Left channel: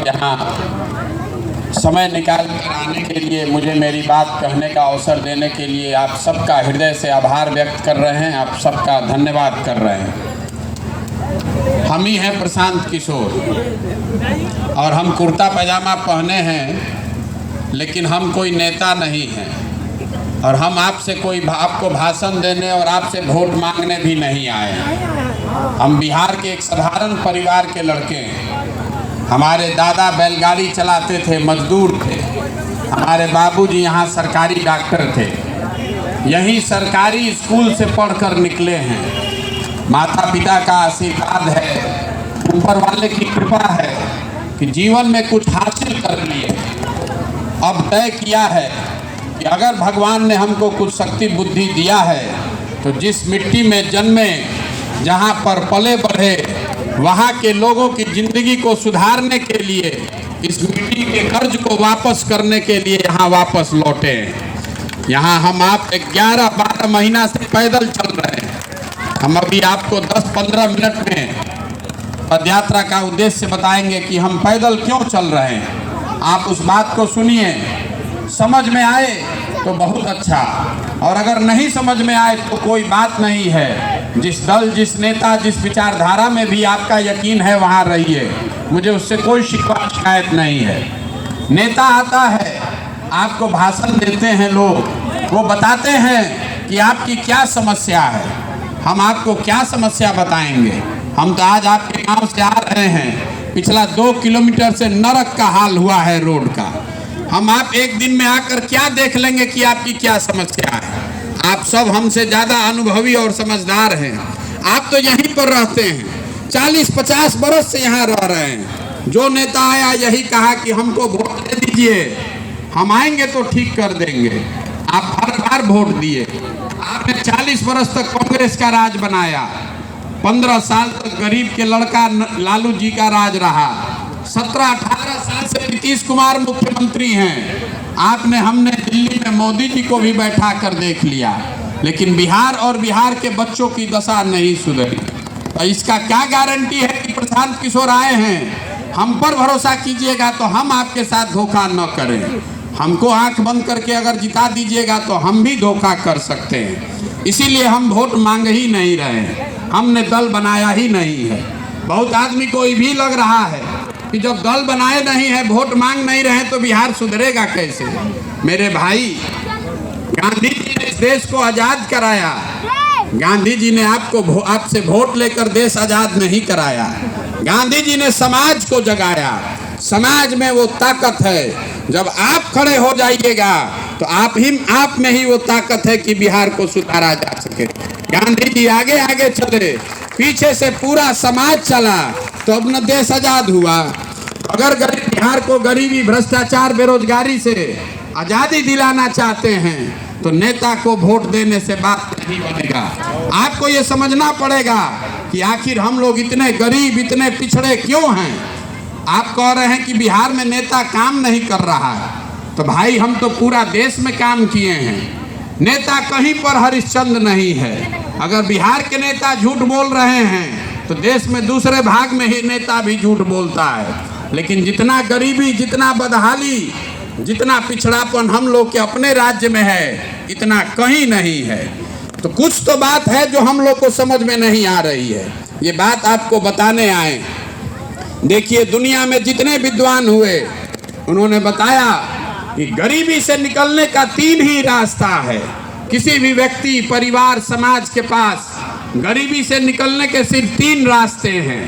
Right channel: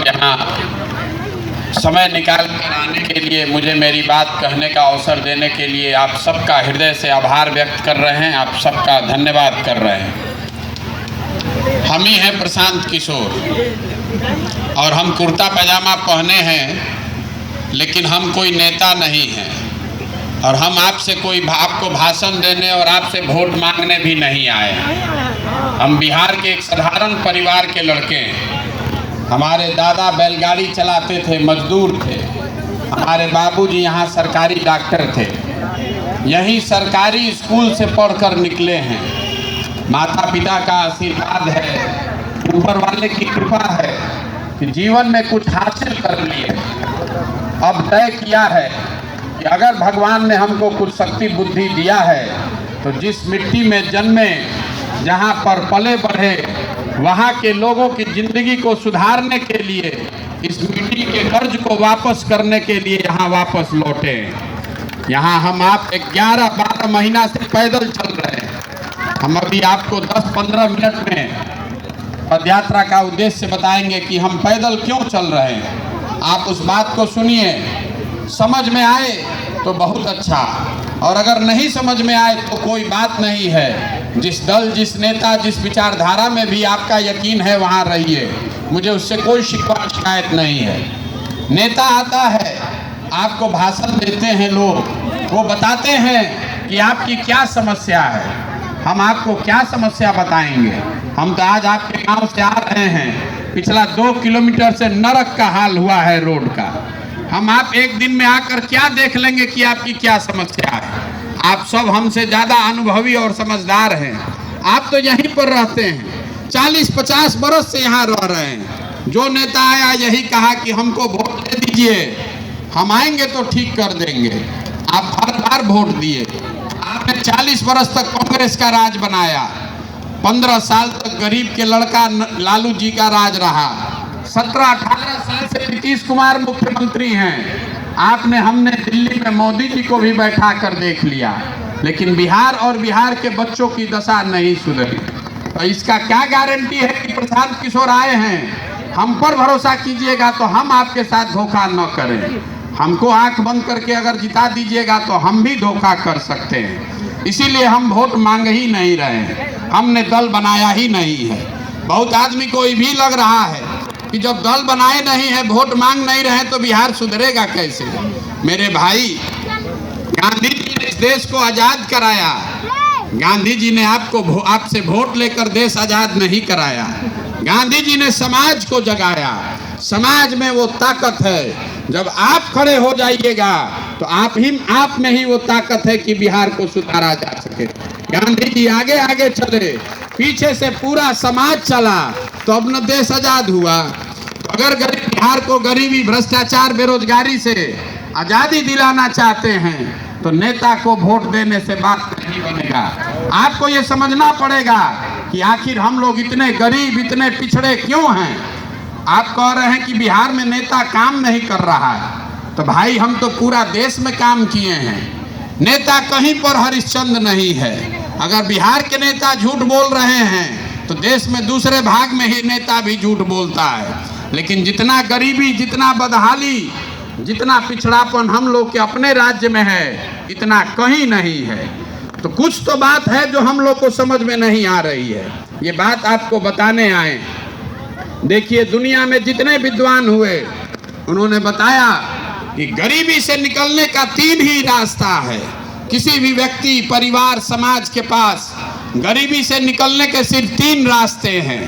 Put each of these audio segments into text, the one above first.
और यहाँ समय निकाल कर आने के लिए, मुझे मेरी बात कहने का अवसर देने के लिए आप सबका हृदय से आभार व्यक्त कर रहे हैं, आप सबका धन्यवाद कर रहे हैं। हम ही हैं प्रशांत किशोर और हम कुर्ता पैजामा पहने हैं, लेकिन हम कोई नेता नहीं हैं और हम आपसे कोई आपको भाषण देने और आपसे वोट मांगने भी नहीं आए हैं। हम बिहार के एक साधारण परिवार के लड़के हैं। हमारे दादा बैलगाड़ी चलाते थे, मजदूर थे। हमारे बाबूजी यहाँ सरकारी डॉक्टर थे, यही सरकारी स्कूल से पढ़कर निकले हैं। माता पिता का आशीर्वाद है, ऊपर वाले की कृपा है कि जीवन में कुछ हासिल कर लिए। अब तय किया है कि अगर भगवान ने हमको कुछ शक्ति बुद्धि दिया है तो जिस मिट्टी में जन्मे, जहाँ पर पले बढ़े, वहाँ के लोगों की ज़िंदगी को सुधारने के लिए, इस मिट्टी के कर्ज को वापस करने के लिए यहाँ वापस लौटे। यहाँ हम आप 11-12 महीना से पैदल चल रहे हैं। हम अभी आपको 10-15 मिनट में पदयात्रा का उद्देश्य बताएंगे कि हम पैदल क्यों चल रहे हैं। आप उस बात को सुनिए, समझ में आए तो बहुत अच्छा, और अगर नहीं समझ में आए तो कोई बात नहीं है। जिस दल, जिस नेता, जिस विचारधारा में भी आपका यकीन है वहाँ रहिए, मुझे उससे कोई शिकायत नहीं है। नेता आता है, आपको भाषण देते हैं लोग, वो बताते हैं कि आपकी क्या समस्या है। हम आपको क्या समस्या बताएंगे। हम तो आज आपके गांव से आ रहे हैं, पिछला 2 किलोमीटर से नरक का हाल हुआ है रोड का। हम आप एक दिन में आकर क्या देख लेंगे कि आपकी क्या समस्या है। आप सब हमसे ज़्यादा अनुभवी और समझदार हैं। आप तो यहीं पर रहते हैं, 40-50 बरस से यहाँ रह रहे हैं। जो नेता आया यही कहा कि हमको वोट दे दीजिए, हम आएंगे तो ठीक कर देंगे। आप हर बार वोट दिए। आपने 40 बरस तक कांग्रेस का राज बनाया, 15 साल तक गरीब के लड़का लालू जी का राज रहा, 17-18 साल से नीतीश कुमार मुख्यमंत्री हैं। आपने, हमने दिल्ली में मोदी जी को भी बैठा कर देख लिया, लेकिन बिहार और बिहार के बच्चों की दशा नहीं सुधरी। तो इसका क्या गारंटी है कि प्रशांत किशोर आए हैं। हम पर भरोसा कीजिएगा तो हम आपके साथ धोखा न करें। हमको आंख बंद करके अगर जिता दीजिएगा तो हम भी धोखा कर सकते हैं। इसीलिए हम वोट मांग ही नहीं रहे हैं, हमने दल बनाया ही नहीं है। बहुत आदमी को ये भी लग रहा है कि जब दल बनाए नहीं है, वोट मांग नहीं रहे तो बिहार सुधरेगा कैसे। मेरे भाई, गांधी जी ने इस देश को आज़ाद कराया। गांधी जी ने आपसे वोट लेकर देश आज़ाद नहीं कराया। गांधी जी ने समाज को जगाया। समाज में वो ताकत है, जब आप खड़े हो जाइएगा तो आप में ही वो ताकत है कि बिहार को सुधारा जा सके। गांधी जी आगे आगे चले, पीछे से पूरा समाज चला, तो अब न देश आजाद हुआ। अगर बिहार को गरीबी, भ्रष्टाचार, बेरोजगारी से आजादी दिलाना चाहते हैं तो नेता को वोट देने से बात नहीं बनेगा। आपको ये समझना पड़ेगा कि आखिर हम लोग इतने गरीब, इतने पिछड़े क्यों हैं। आप कह रहे हैं कि बिहार में नेता काम नहीं कर रहा है, तो भाई हम तो पूरा देश में काम किए हैं। नेता कहीं पर हरिश्चंद्र नहीं है। अगर बिहार के नेता झूठ बोल रहे हैं तो देश में दूसरे भाग में ही नेता भी झूठ बोलता है। लेकिन जितना गरीबी, जितना बदहाली, जितना पिछड़ापन हम लोग के अपने राज्य में है, इतना कहीं नहीं है। तो कुछ तो बात है जो हम लोग को समझ में नहीं आ रही है। ये बात आपको बताने आए। देखिए, दुनिया में जितने विद्वान हुए उन्होंने बताया कि गरीबी से निकलने का 3 ही रास्ता है। किसी भी व्यक्ति, परिवार, समाज के पास गरीबी से निकलने के सिर्फ 3 रास्ते हैं।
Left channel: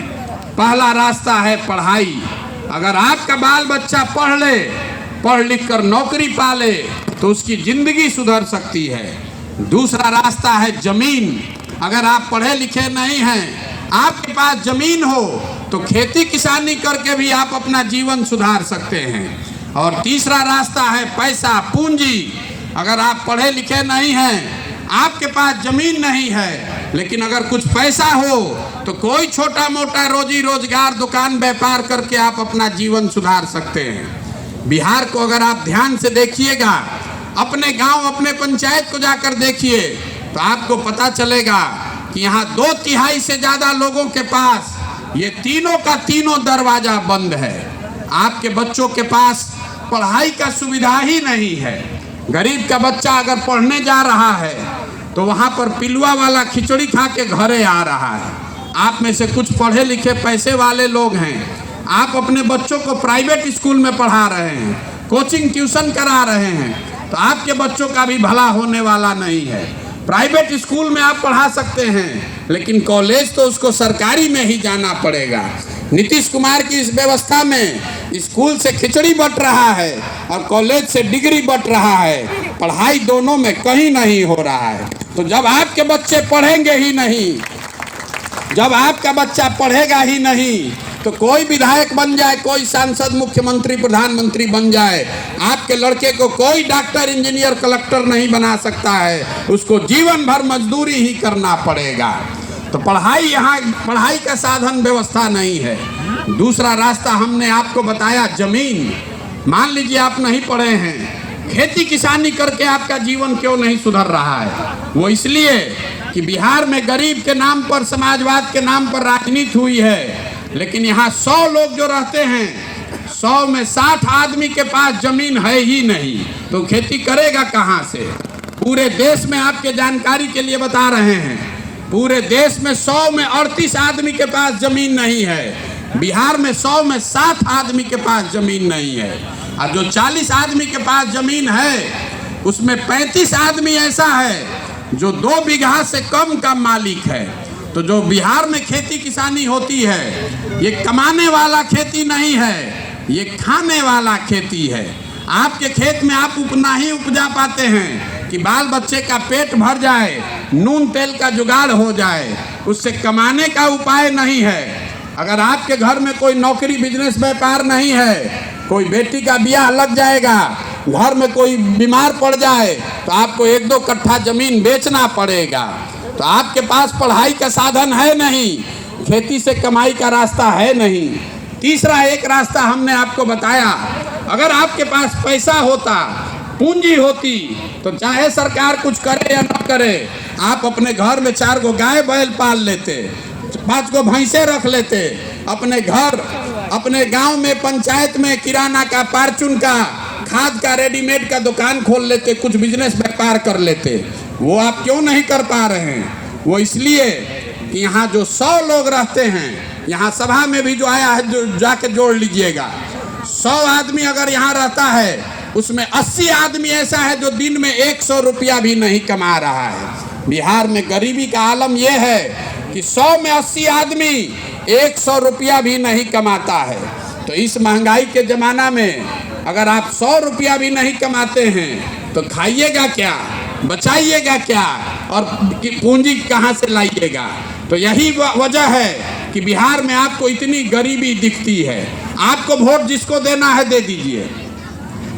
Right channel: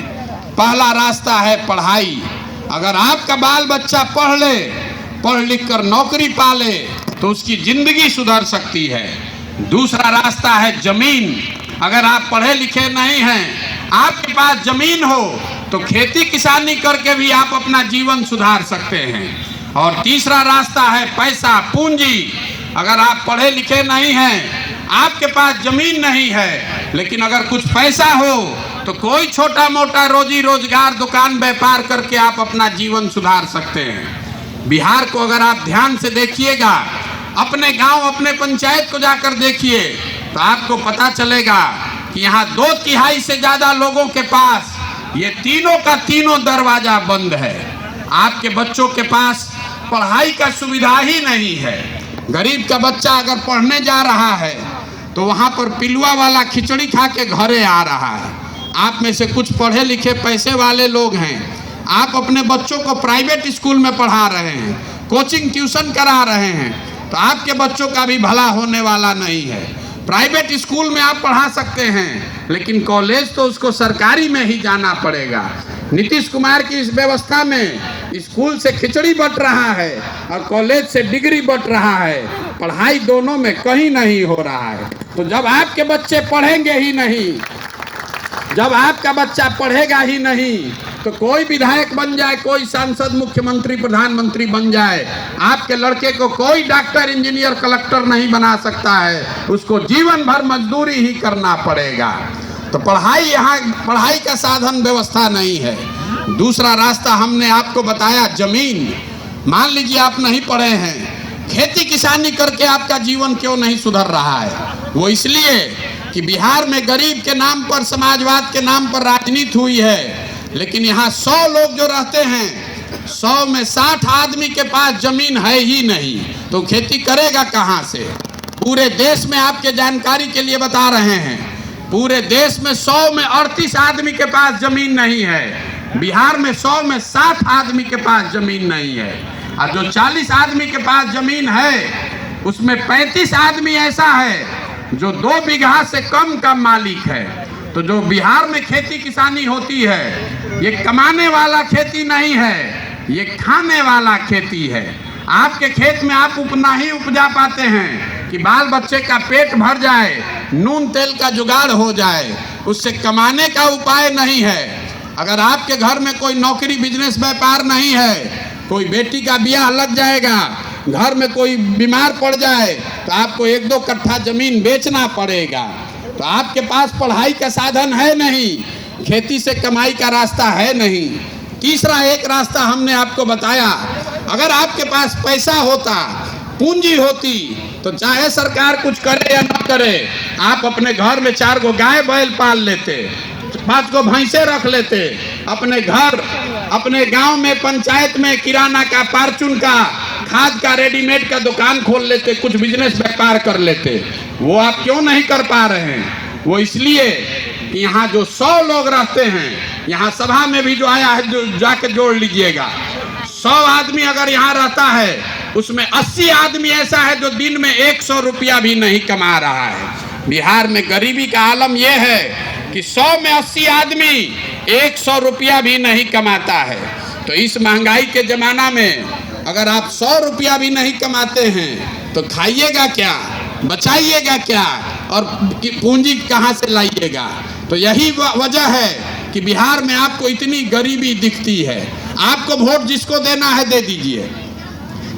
पहला रास्ता है पढ़ाई। अगर आपका बाल बच्चा पढ़ ले, पढ़ लिख कर नौकरी पाले तो उसकी जिंदगी सुधर सकती है। दूसरा रास्ता है जमीन। अगर आप पढ़े लिखे नहीं हैं, आपके पास जमीन हो तो खेती किसानी करके भी आप अपना जीवन सुधार सकते हैं। और तीसरा रास्ता है पैसा, पूंजी। अगर आप पढ़े लिखे नहीं हैं, आपके पास जमीन नहीं है, लेकिन अगर कुछ पैसा हो तो कोई छोटा मोटा रोजी रोजगार, दुकान व्यापार करके आप अपना जीवन सुधार सकते हैं। बिहार को अगर आप ध्यान से देखिएगा, अपने गांव, अपने पंचायत को जाकर देखिए तो आपको पता चलेगा कि यहाँ 2/3 से ज़्यादा लोगों के पास ये तीनों का तीनों दरवाजा बंद है। आपके बच्चों के पास पढ़ाई का सुविधा ही नहीं है। गरीब का बच्चा अगर पढ़ने जा रहा है तो वहाँ पर पिलुआ वाला खिचड़ी खा के घरे आ रहा है। आप में से कुछ पढ़े लिखे पैसे वाले लोग हैं, आप अपने बच्चों को प्राइवेट स्कूल में पढ़ा रहे हैं, कोचिंग ट्यूशन करा रहे हैं, तो आपके बच्चों का भी भला होने वाला नहीं है। प्राइवेट स्कूल में आप पढ़ा सकते हैं, लेकिन कॉलेज तो उसको सरकारी में ही जाना पड़ेगा। नीतीश कुमार की इस व्यवस्था में स्कूल से खिचड़ी बंट रहा है और कॉलेज से डिग्री बंट रहा है। पढ़ाई दोनों में कहीं नहीं हो रहा है। तो जब आपके बच्चे पढ़ेंगे ही नहीं, जब आपका बच्चा पढ़ेगा ही नहीं, तो कोई विधायक बन जाए, कोई सांसद, मुख्यमंत्री, प्रधानमंत्री बन जाए, आपके लड़के को कोई डॉक्टर, इंजीनियर, कलेक्टर नहीं बना सकता है। उसको जीवन भर मजदूरी ही करना पड़ेगा। तो पढ़ाई, यहाँ पढ़ाई का साधन व्यवस्था नहीं है। दूसरा रास्ता हमने आपको बताया, जमीन। मान लीजिए आप नहीं पढ़े हैं, खेती किसानी करके आपका जीवन क्यों नहीं सुधर रहा है? वो इसलिए कि बिहार में गरीब के नाम पर, समाजवाद के नाम पर राजनीति हुई है। लेकिन यहाँ 100 लोग जो रहते हैं, 100 में 60 आदमी के पास जमीन है ही नहीं, तो खेती करेगा कहाँ से? पूरे देश में आपके जानकारी के लिए बता रहे हैं, पूरे देश में 100 में 38 आदमी के पास जमीन नहीं है। बिहार में 100 में 60 आदमी के पास जमीन नहीं है। और जो 40 आदमी के पास जमीन है, उसमें 35 आदमी ऐसा है जो 2 बीघा से कम का मालिक है। तो जो बिहार में खेती किसानी होती है, ये कमाने वाला खेती नहीं है, ये खाने वाला खेती है। आपके खेत में आप उतना ही उपजा पाते हैं कि बाल बच्चे का पेट भर जाए, नून तेल का जुगाड़ हो जाए, उससे कमाने का उपाय नहीं है। अगर आपके घर में कोई नौकरी, बिजनेस, व्यापार नहीं है, कोई बेटी का ब्याह लग जाएगा, घर में कोई बीमार पड़ जाए, तो आपको 1-2 कट्ठा जमीन बेचना पड़ेगा। तो आपके पास पढ़ाई का साधन है नहीं, खेती से कमाई का रास्ता है नहीं। तीसरा एक रास्ता हमने आपको बताया, अगर आपके पास पैसा होता, पूंजी होती, तो चाहे सरकार कुछ करे या ना करे, आप अपने घर में 4 गो गाय बैल पाल लेते, 5 गो भैंसे रख लेते, अपने घर, अपने गांव में, पंचायत में किराना का, फार्चून का, खाद का, रेडीमेड का दुकान खोल लेते, कुछ बिजनेस व्यापार कर लेते। वो आप क्यों नहीं कर पा रहे हैं? वो इसलिए कि यहाँ जो 100 लोग रहते हैं, यहाँ सभा में भी जो आया है, जो जाके जोड़ लीजिएगा, 100 आदमी अगर यहाँ रहता है, उसमें 80 आदमी ऐसा है जो दिन में 100 रुपया भी नहीं कमा रहा है। बिहार में गरीबी का आलम यह है कि 100 में 80 आदमी 100 रुपया भी नहीं कमाता है। तो इस महंगाई के ज़माना में अगर आप 100 रुपया भी नहीं कमाते हैं, तो खाइएगा क्या, बचाइएगा क्या, और पूंजी कहाँ से लाइएगा? तो यही वजह है कि बिहार में आपको इतनी गरीबी दिखती है। आपको वोट जिसको देना है दे दीजिए,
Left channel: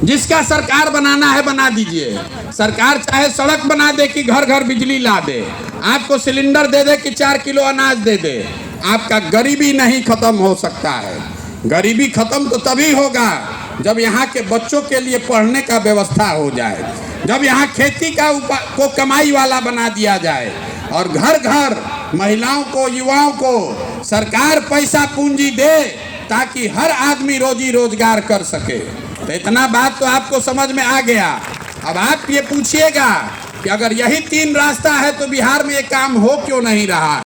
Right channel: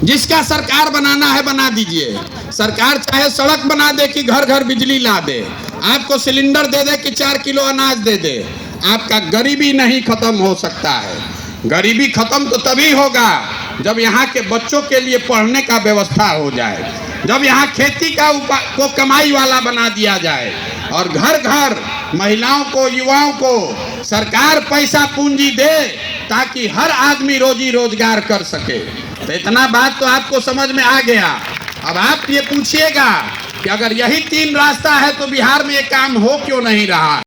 जिसका सरकार बनाना है बना दीजिए। सरकार चाहे सड़क बना दे कि घर घर बिजली ला दे, आपको सिलेंडर दे दे कि 4 किलो अनाज दे दे, आपका गरीबी नहीं खत्म हो सकता है। गरीबी खत्म तो तभी होगा जब यहाँ के बच्चों के लिए पढ़ने का व्यवस्था हो जाए, जब यहाँ खेती को कमाई वाला बना दिया जाए, और घर घर महिलाओं को, युवाओं को सरकार पैसा पूंजी दे, ताकि हर आदमी रोजी रोजगार कर सके। तो इतना बात तो आपको समझ में आ गया। अब आप ये पूछिएगा कि अगर यही 3 रास्ता है तो बिहार में ये काम हो क्यों नहीं रहा?